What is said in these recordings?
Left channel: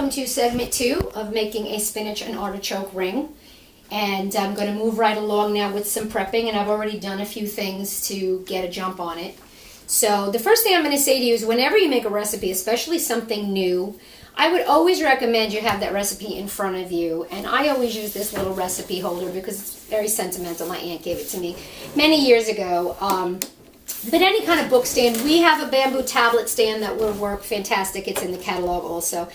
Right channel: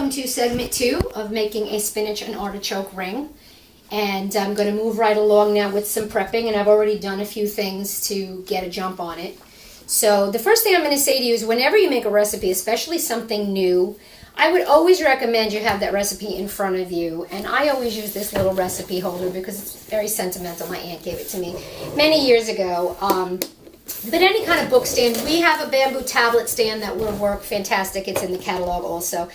welcome to segment 2 of making a spinach and artichoke ring. And I'm going to move right along now with some prepping, and I've already done a few things to get a jump on it. So the first thing I'm going to say to you is whenever you make a recipe, especially something new, I would always recommend you have that recipe in front of you. And I always use this little recipe holder because it's very sentimental. My aunt gave it to me many years ago. But any kind of book stand, we have a bamboo tablet stand that will work fantastic. It's in the catalog also.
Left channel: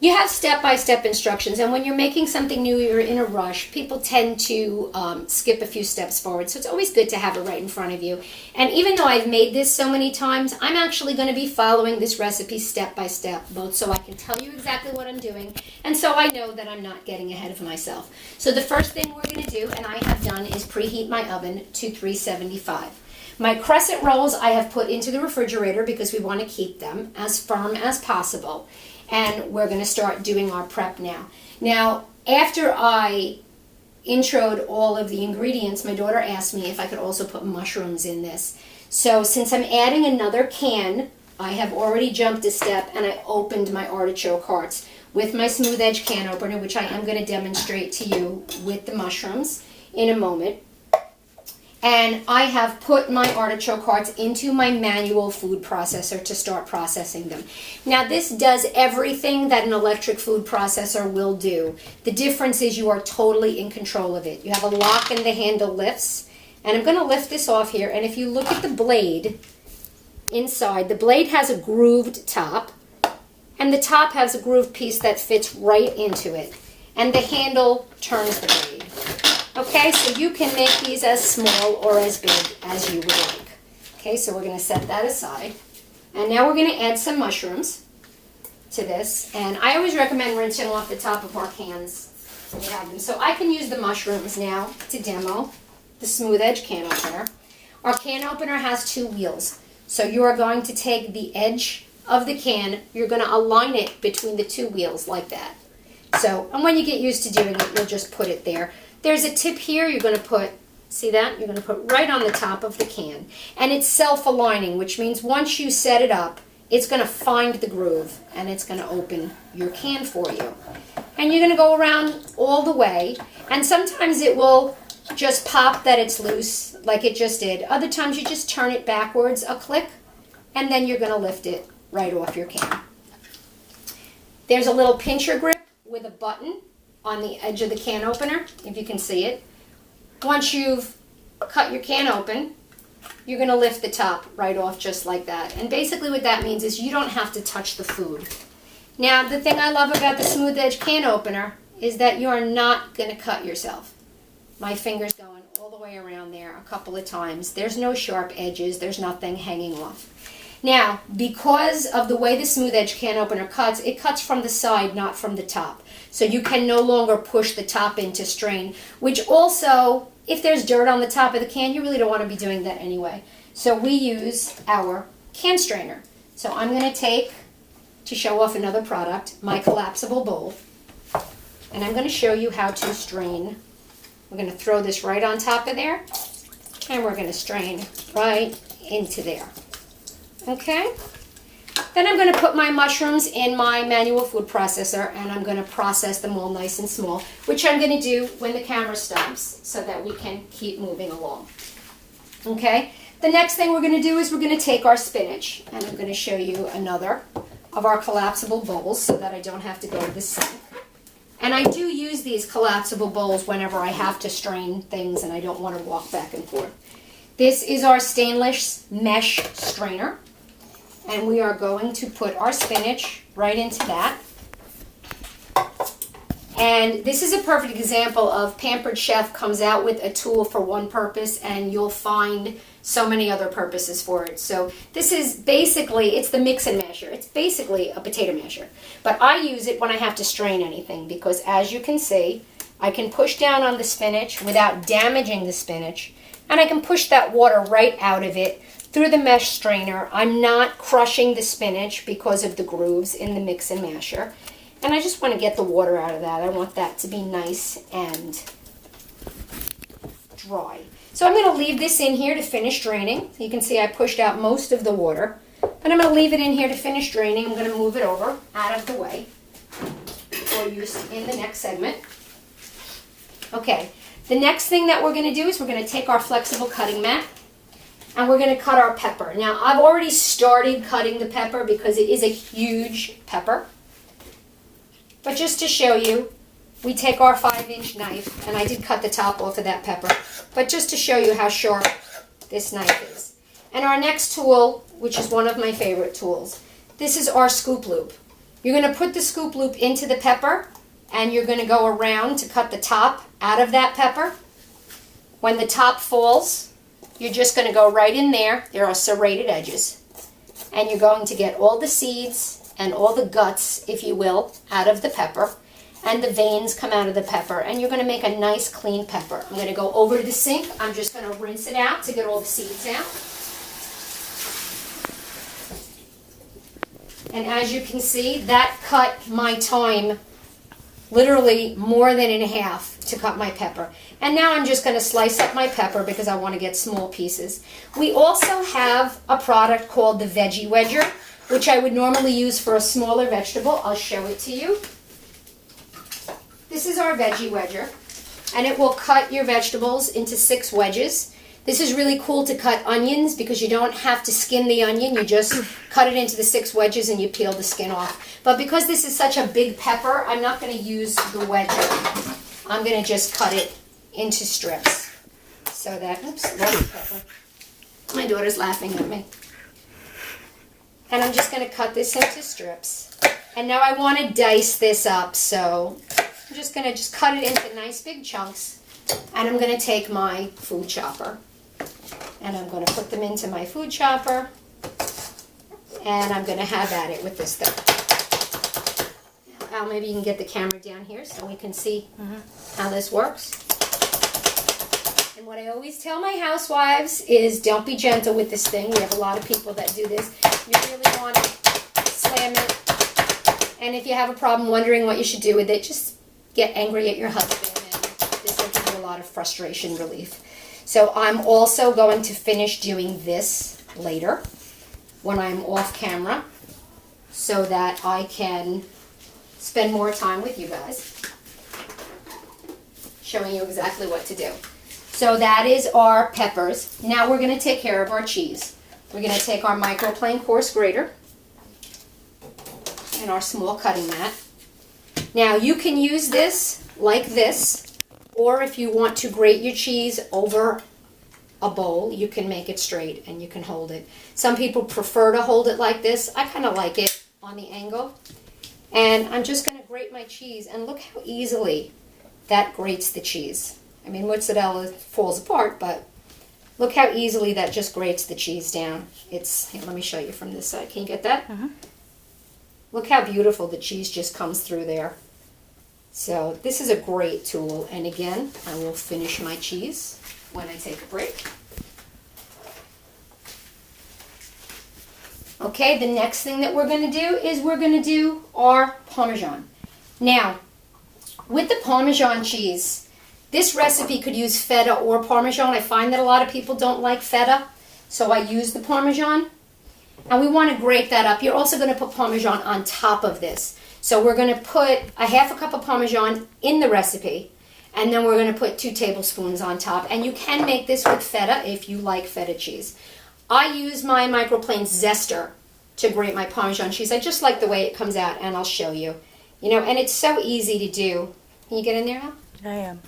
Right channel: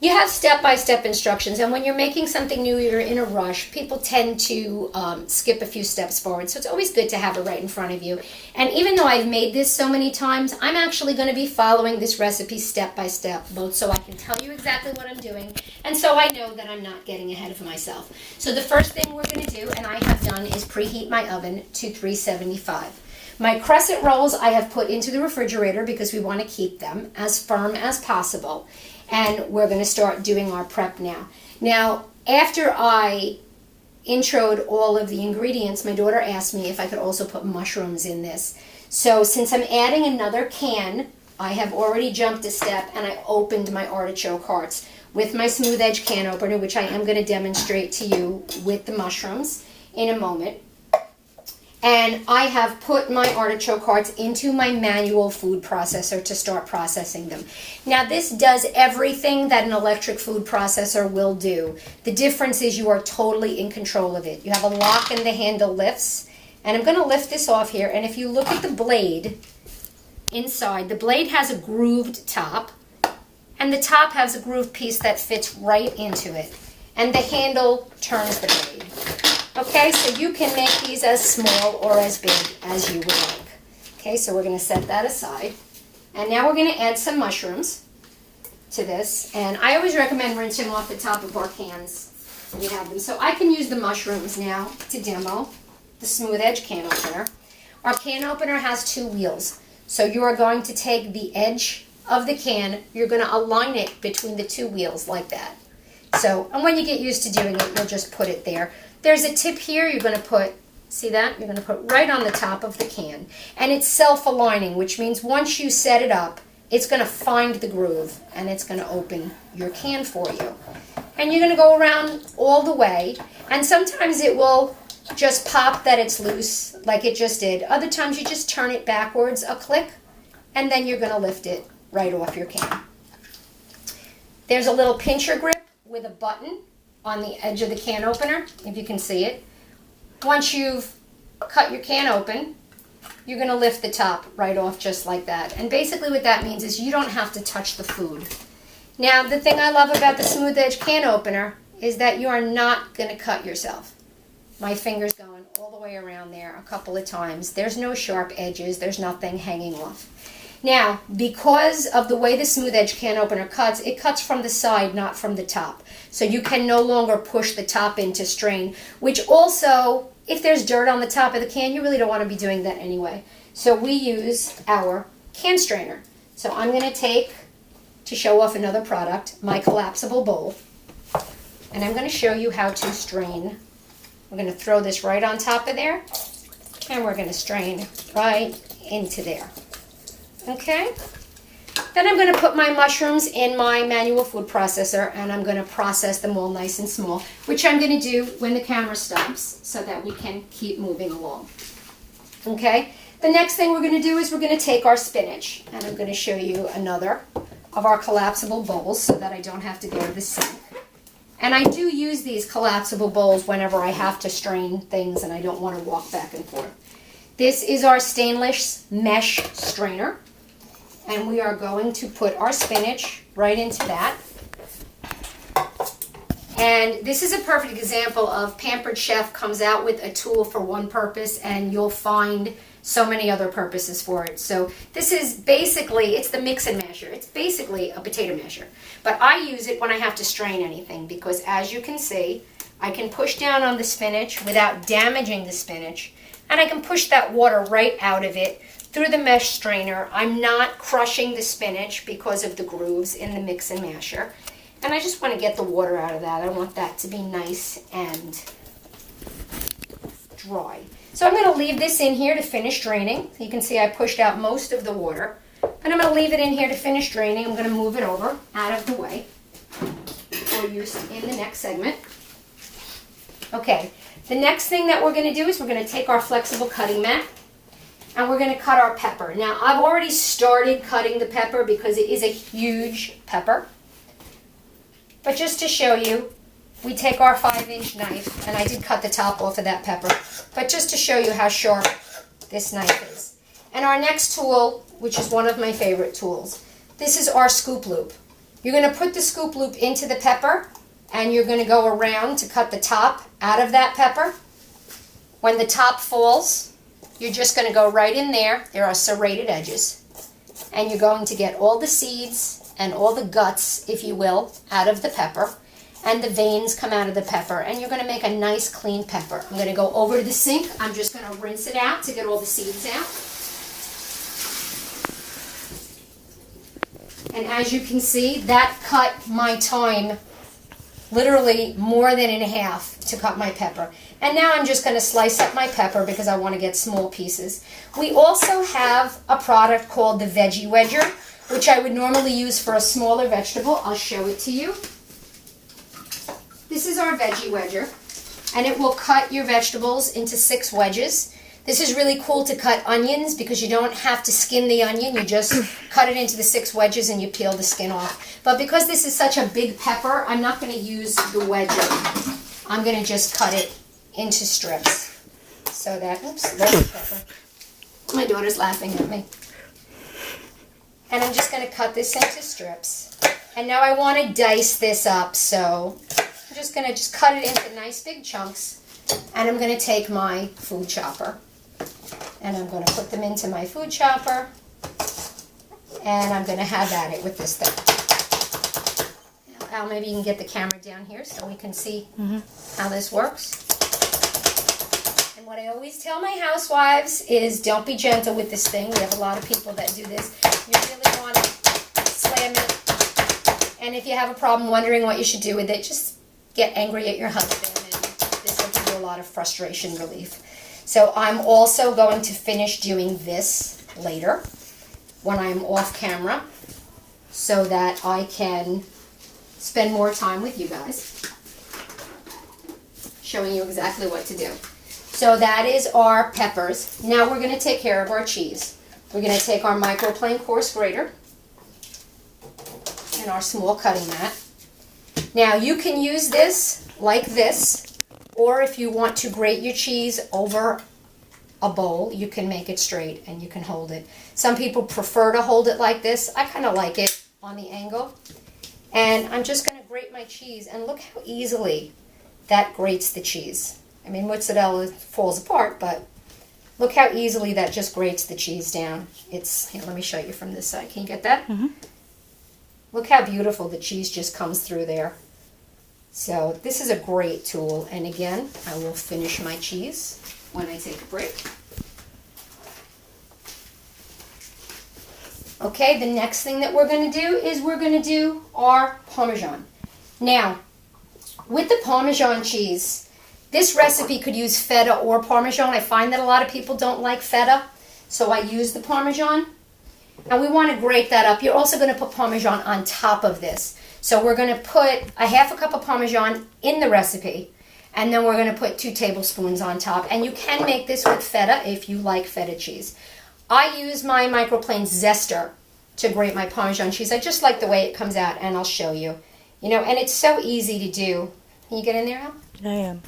You have step-by-step instructions, and when you're making something new, you're in a rush, people tend to skip a few steps forward. So it's always good to have it right in front of you. And even though I've made this so many times, I'm actually going to be following this recipe step-by-step, both so I can tell you exactly what I'm doing, and so I know that I'm not getting ahead of myself. So the first thing we're going to do, and I have done, is preheat my oven to 375. My crescent rolls I have put into the refrigerator because we want to keep them as firm as possible. And we're going to start doing our prep now. Now, after I introed all of the ingredients, my daughter asked me if I could also put mushrooms in this. So since I'm adding another can, I have already jumped a step and I opened my artichoke hearts with my smooth edge can opener, which I am going to demonstrate to you with the mushrooms in a moment. And I have put my artichoke hearts into my manual food processor to start processing them. Now this does everything that an electric food processor will do. The difference is you are totally in control of it. You have a lock and the handle lifts. And I'm going to lift this off here. And if you look at the blade inside, the blade has a grooved top. And the top has a grooved piece that fits right into it. And the handle turns the blade. Okay, so you can make these as small or as big as you would like. Okay, so we're going to set that aside. And now we're going to add some mushrooms to this. And I always recommend rinsing off the top of our cans when you have them. So I can use the mushrooms now to demo the smooth edge can opener. Our can opener has 2 wheels. So you are going to take the edge of the can, you're going to align it between the 2 wheels like that. So, and when you get used to doing it, you'll just put it there. There's a tip here you're going to put, see that? You're going to put right on the top of the can. And it's self-aligning, which means once you set it up, it's going to find the groove and it's going to open your can for you. And you're going to go around all the way. And sometimes it will just pop that it's loose, like it just did. Other times you just turn it backwards a click, and then you're going to lift it right off your can. There's a little pincher grip with a button on the edge of the can opener, if you can see it. Once you've cut your can open, you're going to lift the top right off just like that. And basically what that means is you don't have to touch the food. Now, the thing I love about the smooth edge can opener is that you are not going to cut yourself. My finger's going all the way around there a couple of times. There's no sharp edges. There's nothing hanging off. Now, because of the way the smooth edge can opener cuts, it cuts from the side, not from the top. So you can no longer push the top in to strain, which also, if there's dirt on the top of the can, you really don't want to be doing that anyway. So we use our can strainer. So I'm going to take, to show off another product, my collapsible bowl. And I'm going to show you how to strain. We're going to throw this right on top of there. And we're going to strain right into there. Okay? Then I'm going to put my mushrooms in my manual food processor, and I'm going to process them all nice and small, which I'm going to do when the camera stops so that we can keep moving along. Okay? The next thing we're going to do is we're going to take our spinach, and I'm going to show you another of our collapsible bowls so that I don't have to go to the sink. And I do use these collapsible bowls whenever I have to strain things and I don't want to walk back and forth. This is our stainless mesh strainer. And we are going to put our spinach right into that. And this is a perfect example of Pampered Chef comes out with a tool for one purpose and you'll find so many other purposes for it. So this is basically, it's the mix and masher. It's basically a potato masher. But I use it when I have to strain anything because as you can see, I can push down on the spinach without damaging the spinach. And I can push that water right out of it through the mesh strainer. I'm not crushing the spinach because of the grooves in the mix and masher. And I just want to get the water out of that. I want that to be nice and dry. So I'm going to leave this in here to finish draining. You can see I pushed out most of the water. And I'm going to leave it in here to finish draining. I'm going to move it over out of the way. more use in the next segment. Okay, the next thing that we're going to do is we're going to take our flexible cutting mat and we're going to cut our pepper. Now, I've already started cutting the pepper because it is a huge pepper. But just to show you, we take our 5-inch knife, and I did cut the top off of that pepper, but just to show you how sharp this knife is. And our next tool, which is one of my favorite tools, this is our scoop loop. You're going to put the scoop loop into the pepper, and you're going to go around to cut the top out of that pepper. When the top falls, you're just going to go right in there. There are serrated edges. And you're going to get all the seeds and all the guts, if you will, out of the pepper. And the veins come out of the pepper. And you're going to make a nice clean pepper. I'm going to go over to the sink. I'm just going to rinse it out to get all the seeds out. And as you can see, that cut my time literally more than in half to cut my pepper. And now I'm just going to slice up my pepper because I want to get small pieces. We also have a product called the Veggie Wedger, which I would normally use for a smaller vegetable. I'll show it to you. This is our Veggie Wedger, and it will cut your vegetables into 6 wedges. This is really cool to cut onions because you don't have to skin the onion. You just cut it into the 6 wedges and you peel the skin off. But because this is such a big pepper, I'm not going to use the wedger. I'm going to just cut it into strips. So that, oops, that's the pepper. My daughter's laughing at me. And I'm just going to cut this into strips. And now I want to dice this up, so I'm just going to cut it into nice big chunks. And I'm going to take my food chopper. And I'm going to put them into my food chopper. And I'm going to have at it with this thing. Now, Al, maybe you can get the camera down here so we can see how this works. And what I always tell my housewives is don't be gentle with this thing. We have a lot of people that do this. You really want to slam it. And if you have a problem wondering what you should do with it, just get angry at your husband. And this will give you a lot of frustration relief. So I'm also going to finish doing this later when I'm off camera so that I can spend more time with you guys showing you exactly what to do. So that is our peppers. Now we're going to take care of our cheese. We're going to take our microplane coarse grater and our small cutting mat. Now you can use this like this, or if you want to grate your cheese over a bowl, you can make it straight and you can hold it. Some people prefer to hold it like this. I kind of like it on the angle. And I'm just going to grate my cheese, and look how easily that grates the cheese. I mean, mozzarella falls apart, but look how easily that just grates the cheese down. Here, let me show you from this side. Can you get that? Look how beautiful the cheese just comes through there. So this is a great tool. And again, I will finish my cheese when I take a break. Okay, the next thing that we're going to do is we're going to do our Parmesan. Now, with the Parmesan cheese, this recipe could use feta or Parmesan. I find that a lot of people don't like feta, so I use the Parmesan. And we want to grate that up. You're also going to put Parmesan on top of this. So we're going to put a half a cup of Parmesan in the recipe, and then we're going to put 2 tablespoons on top. And you can make this with feta if you like feta cheese. I use my microplane zester to grate my Parmesan cheese. I just like the way it comes out, and I'll show you. You know, and it's so easy to do. Can you get in there, Al? I am.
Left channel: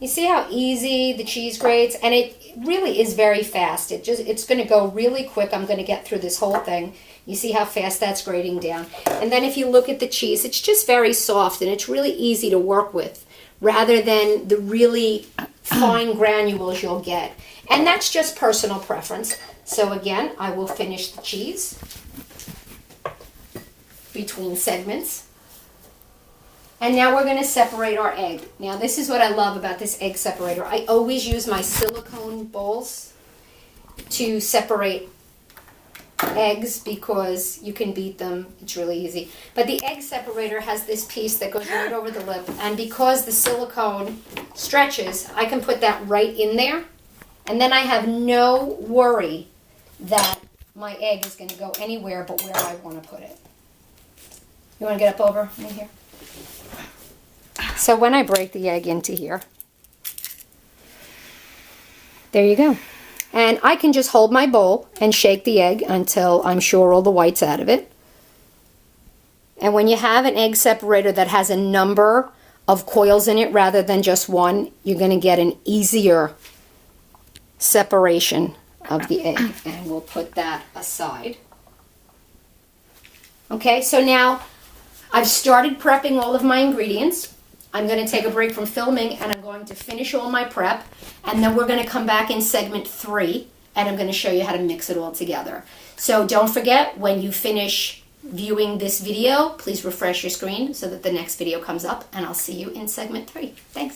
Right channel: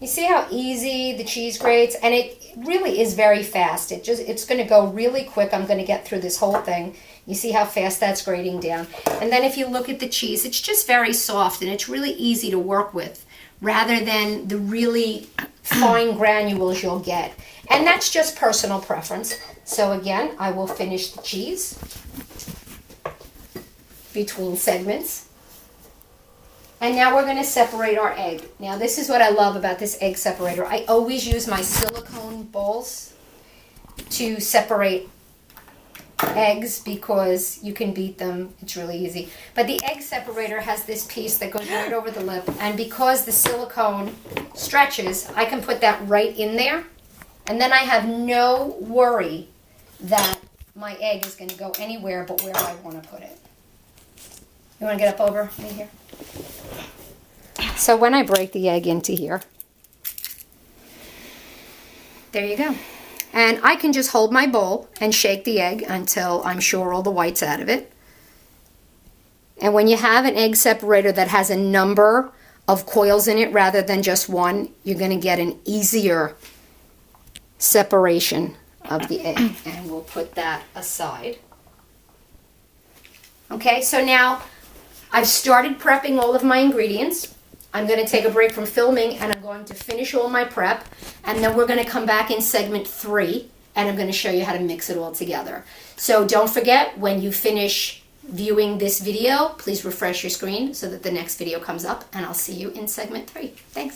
You see how easy the cheese grates? And it really is very fast. It's going to go really quick. I'm going to get through this whole thing. You see how fast that's grating down. And then if you look at the cheese, it's just very soft, and it's really easy to work with rather than the really fine granules you'll get. And that's just personal preference. So again, I will finish the cheese between segments. And now we're going to separate our egg. Now this is what I love about this egg separator. I always use my silicone bowls to separate eggs because you can beat them. It's really easy. But the egg separator has this piece that goes right over the lip. And because the silicone stretches, I can put that right in there. And then I have no worry that my egg is going to go anywhere but where I want to put it. You want to get up over in here? So when I break the egg into here, there you go. And I can just hold my bowl and shake the egg until I'm sure all the white's out of it. And when you have an egg separator that has a number of coils in it rather than just one, you're going to get an easier separation of the egg. And we'll put that aside. Okay, so now I've started prepping all of my ingredients. I'm going to take a break from filming and I'm going to finish all my prep. And then we're going to come back in segment 3 and I'm going to show you how to mix it all together. So don't forget, when you finish viewing this video, please refresh your screen so that the next video comes up, and I'll see you in segment 3. Thanks.